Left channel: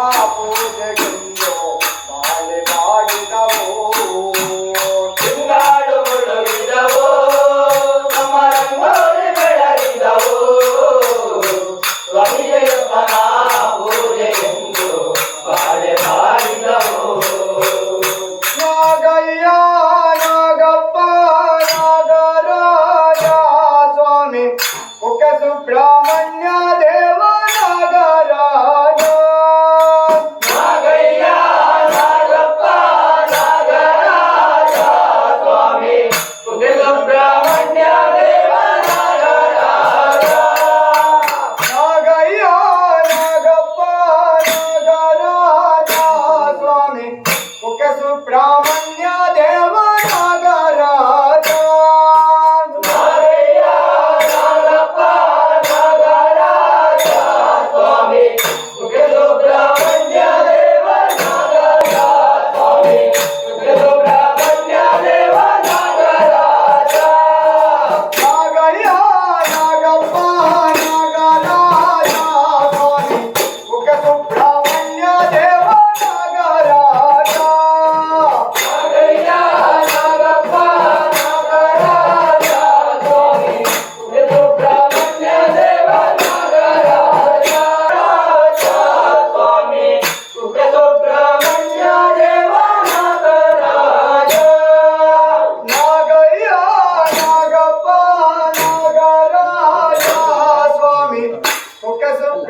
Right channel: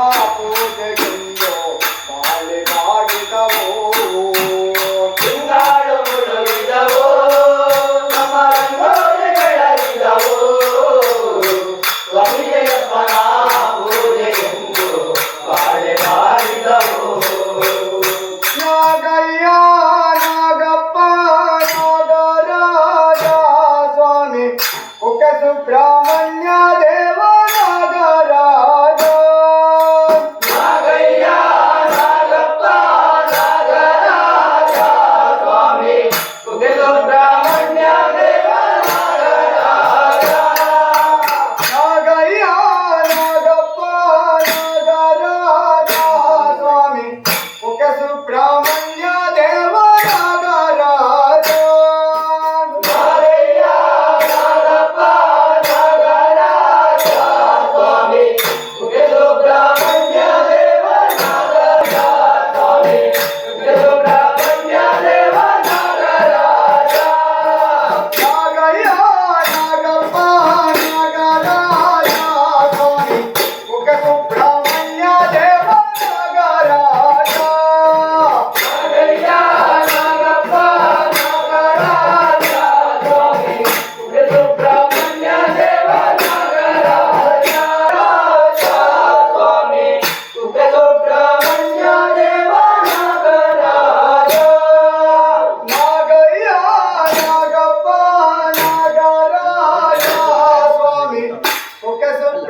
Oh. 여러분 são